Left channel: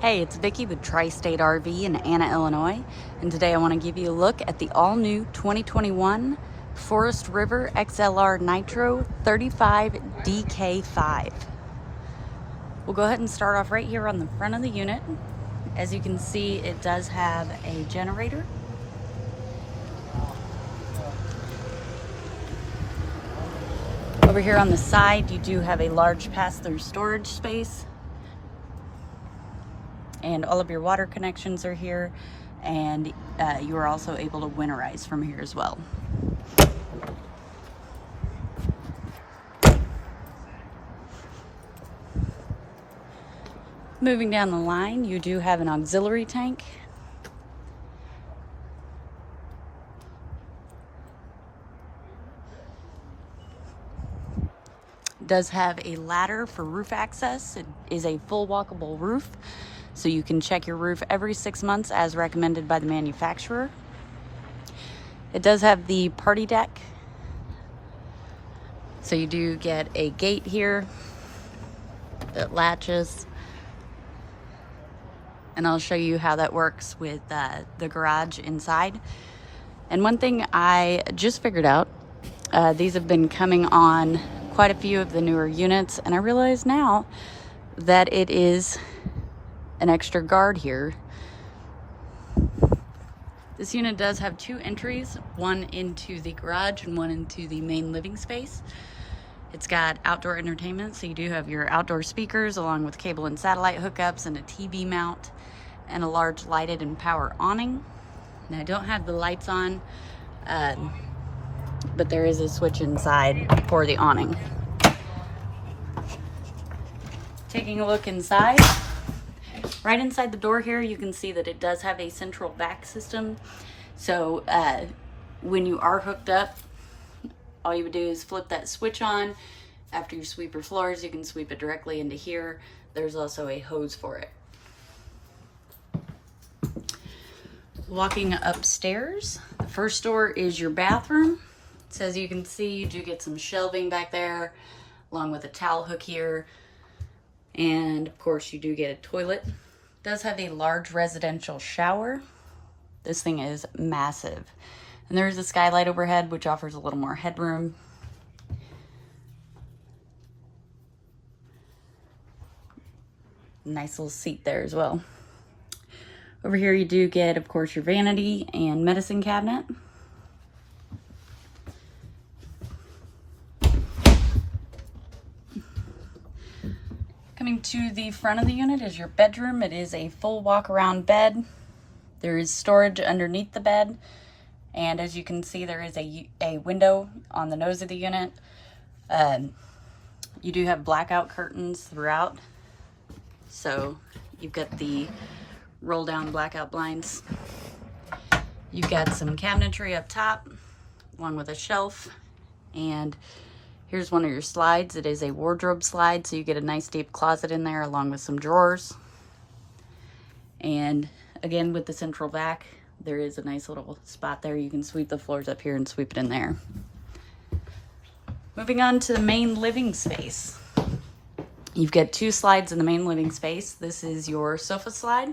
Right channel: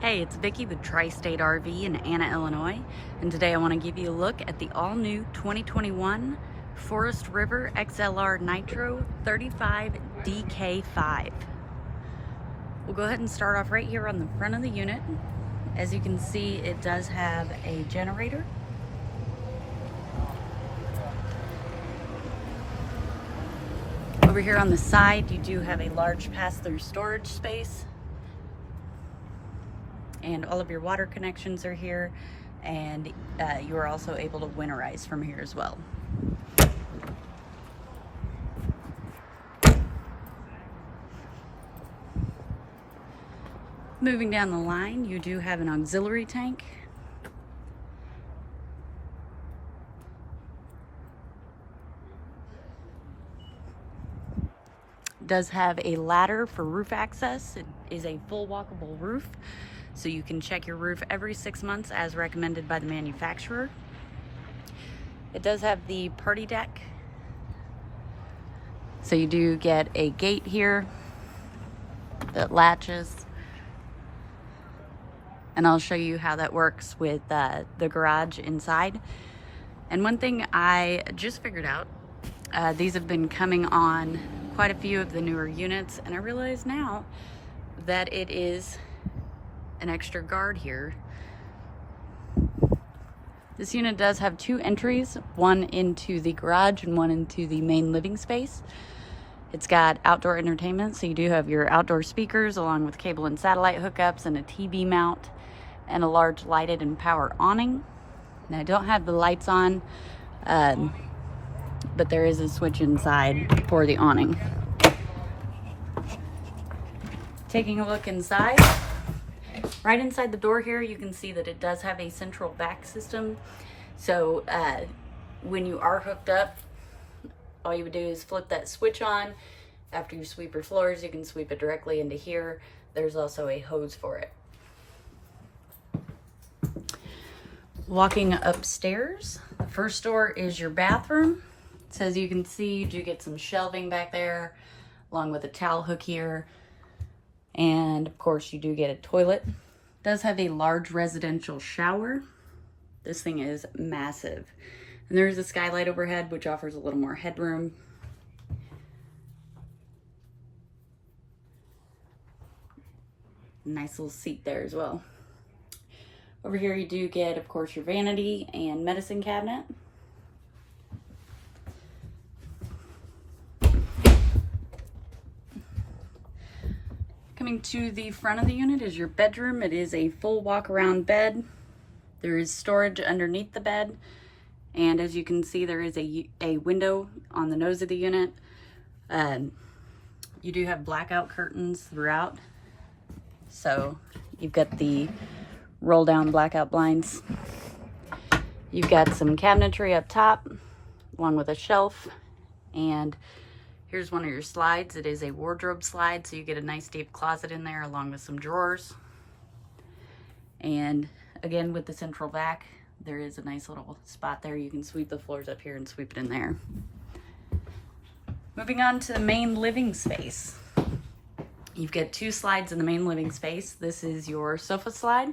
Hey, it's Vicki with Tri-State RV in Anna, Illinois, and today I want to give you a look at the all-new 2021 Forest River XLR Nitro 35 DK5. We'll go ahead and start off right here on the front of the unit. As you can see, it does have a generator. Over here on the side, you do have a large pass-through storage space. And all of your water connections are here, and you are also able to winterize from here as well. Moving down the line, you do have an auxiliary tank. It does have a ladder for roof access. It is a full walkable roof, so you can check your roof every 6 months as recommended by the manufacturer. It does have the party deck. So you do get a gate here that latches. And I'll show you how that works with the garage inside. And one thing I just figured out, these have been coming on quite a few of the newer units, and I realize now that it is an extra guard here. This unit does have 2 entries, one into the garage and one into the main living space. It's got outdoor entertainment, so you do have your outdoor speakers along with cable and satellite hookups and a TV mount and a large lighted and power awning. Now I don't have the lights on, but there is a switch inside for the awning. Taking a look inside. Right inside the door here, you can see that it does have a central vac system. So when you are hooked up, all you would do is flip that switch on. After you sweep your floors, you can sweep it directly into here. There's also a hose for it. Walking upstairs, the first door is your bathroom. So as you can see, you do get some shelving back there, along with a towel hook here. And of course, you do get a toilet. It does have a large residential shower. This thing is massive. And there's a skylight overhead, which offers a little more headroom. Nice little seat there as well. Over here you do get, of course, your vanity and medicine cabinet. Coming to the front of the unit is your bedroom. It is a full walk-around bed. There is storage underneath the bed. And as you can see, there is a window on the nose of the unit. You do have blackout curtains throughout. So you've got the roll down blackout blinds. You've got some cabinetry up top, along with a shelf. And here's one of your slides. It is a wardrobe slide, so you get a nice deep closet in there, along with some drawers. And again, with the central vac, there is a nice little spot there. You can sweep the floors up here and sweep it in there. Moving on to the main living space. You've got 2 slides in the main living space. This is your sofa slide.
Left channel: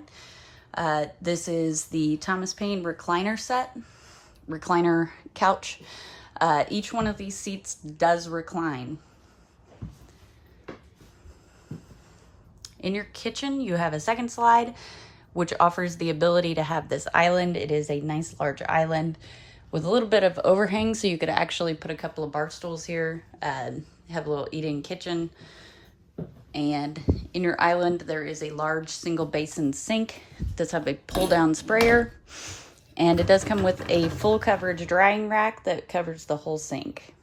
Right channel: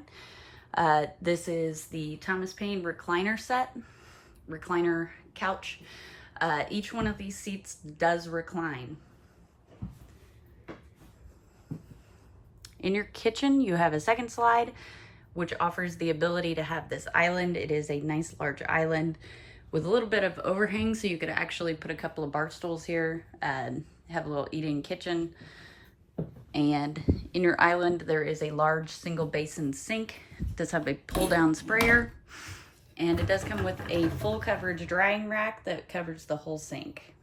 This is the Thomas Paine recliner couch. Each one of these seats does recline. In your kitchen, you have a second slide, which offers the ability to have this island. It is a nice large island with a little bit of overhang, so you could actually put a couple of bar stools here, have a little eating kitchen. And in your island, there is a large single basin sink. It does have a pull down sprayer, and it does come with a full coverage drying rack that covers the whole sink.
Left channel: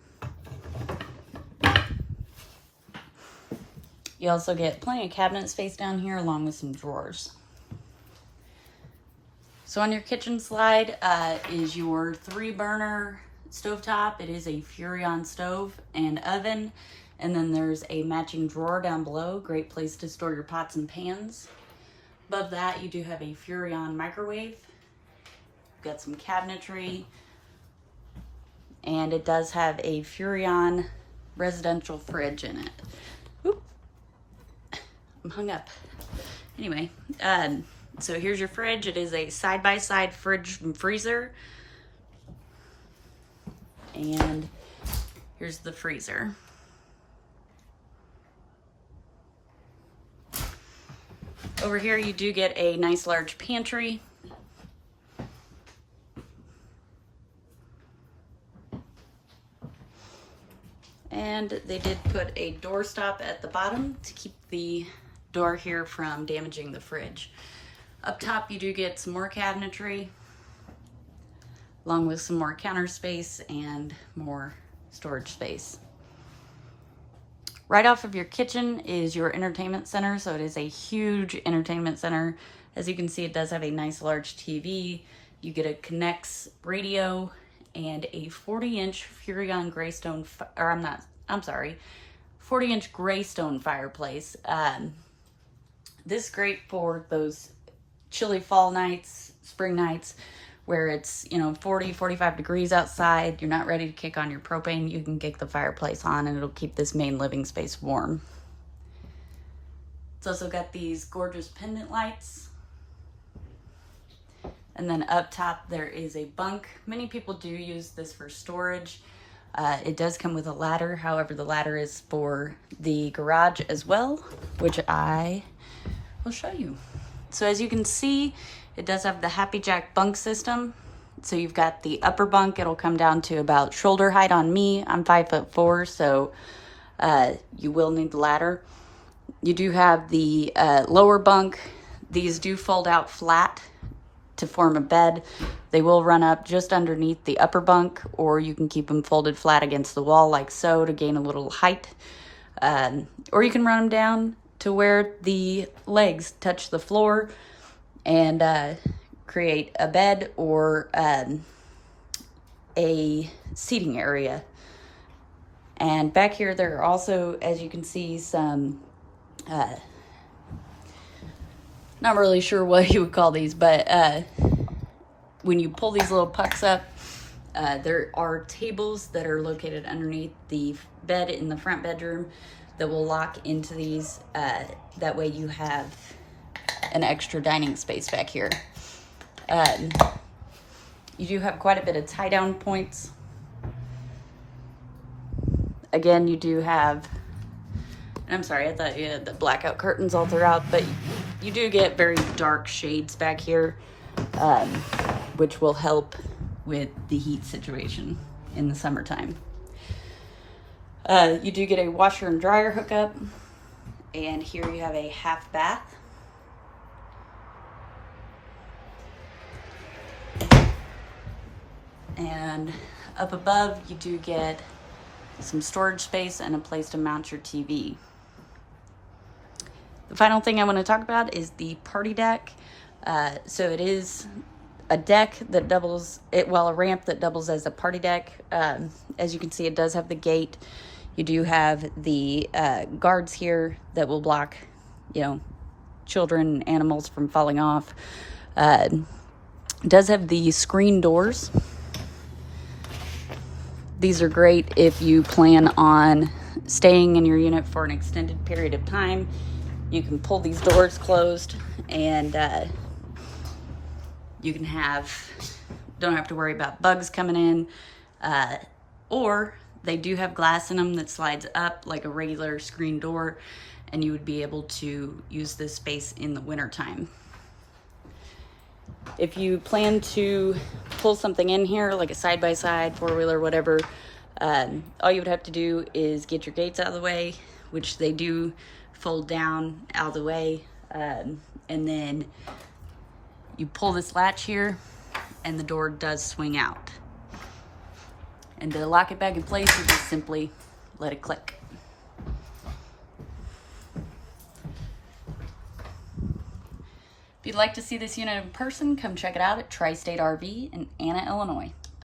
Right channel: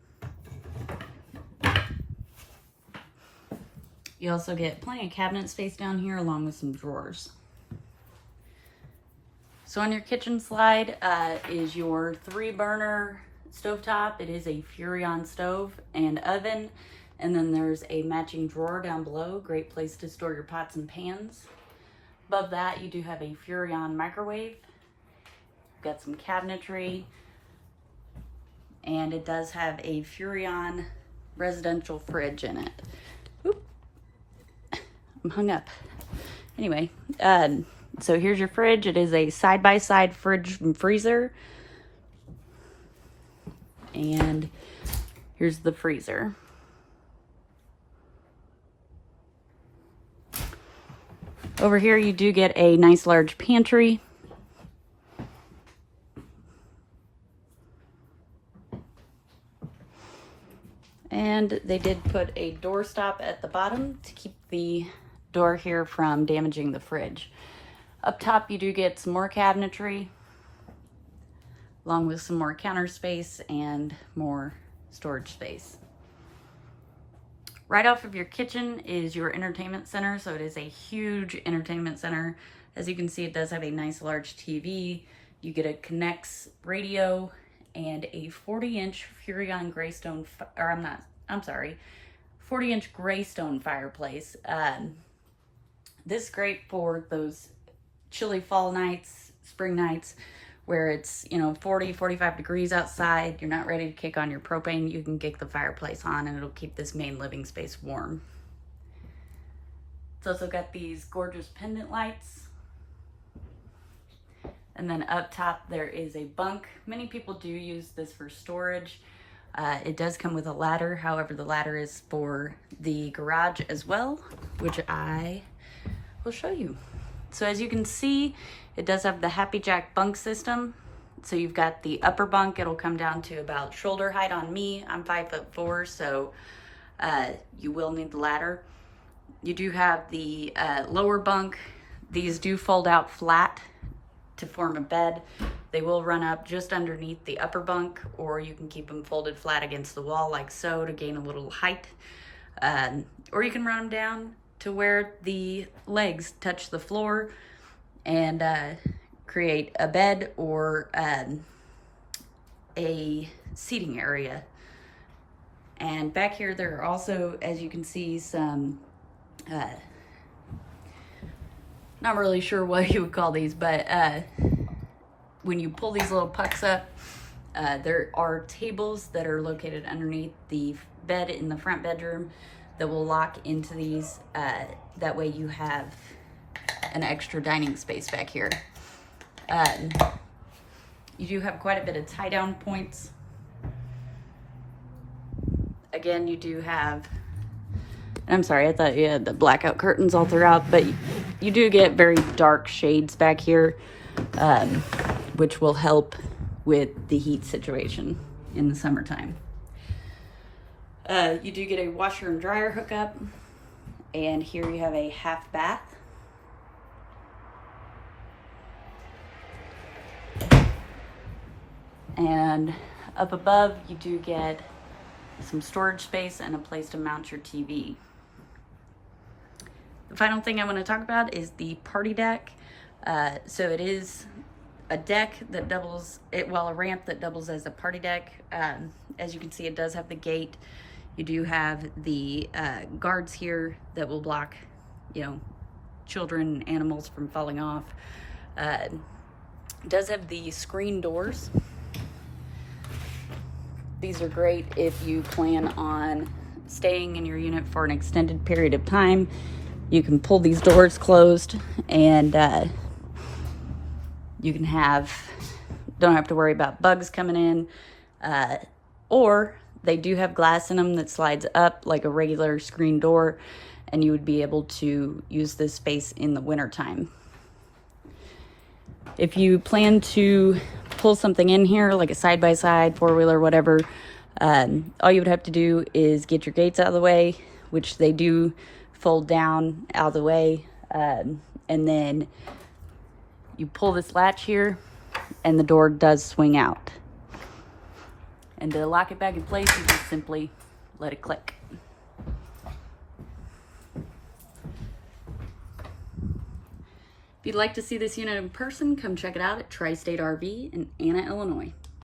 You also get plenty of cabinet space down here, along with some drawers. So on your kitchen slide is your 3-burner stovetop. It is a Furrion stove and oven. And then there's a matching drawer down below. Great place to store your pots and pans. Above that, you do have a Furrion microwave. You've got some cabinetry. And it does have a Furrion residential fridge in it. Oop. I'm hung up. Anyway, so here's your fridge. It is a side-by-side fridge and freezer. And here's the freezer. Over here you do get a nice large pantry. And they did put a door stop at the bottom to keep the door here from damaging the fridge. Up top you do get some more cabinetry, along with some more counter space and more storage space. Right off of your kitchen is your entertainment center, so it is a huge entertainment center. As you can see, it does have a nice large TV. You get a Connects radio and a 40-inch Furrion Greystone, 40-inch Greystone fireplace. This is great for those chilly fall nights, spring nights, where it's, 40, 45 degrees outside, you're not ready to kick on your propane, you can kick the fireplace on and it'll keep this main living space warm. It's also got these gorgeous pendant lights. And then up top there is a bunk. Many people do use this for storage. It does come with a ladder, however the ladder is for the garage as well, which I will show you. So as you can see, it does have the Happy Jack bunk system. So you've got the upper bunk, it'll come down to about shoulder height on me. I'm 5'4", so you will need the ladder. You do have the lower bunk. These do fold out flat to form a bed. They will run up just underneath the upper bunk, or you can keep them folded flat against the wall like so to gain a little height. Or you can run them down to where the legs touch the floor and create a bed or a seating area. And back here there are also, as you can see, some not really sure what you would call these, but when you pull these little pucks up, there are tables that are located underneath the bed in the front bedroom that will lock into these. That way you have an extra dining space back here. You do have quite a bit of tie down points. Again, you do have, I'm sorry, I thought you had the blackout curtains all throughout, but you do get very dark shades back here, which will help with the heat situation in the summertime. You do get a washer and dryer hookup, and here you have a half bath. And up above, you do get some storage space and a place to mount your TV. The final thing I want to talk about is the party deck. So it is a deck that doubles, a ramp that doubles as a party deck. As you can see, it does have the gate. You do have the guards here that will block, children, animals from falling off. It does have the screen doors. These are great if you plan on staying in your unit for an extended period of time. You can pull these doors closed and you can don't have to worry about bugs coming in, or they do have glass in them that slides up like a regular screen door, and you would be able to use this space in the wintertime. If you plan to pull something in here, like a side-by-side, four-wheeler, whatever, all you would have to do is get your gates out of the way, which they do fold down out of the way, and then you pull this latch here, and the door does swing out. And to lock it back in place, you just simply let it click. If you'd like to see this unit in person, come check it out at Tri-State RV in Anna, Illinois.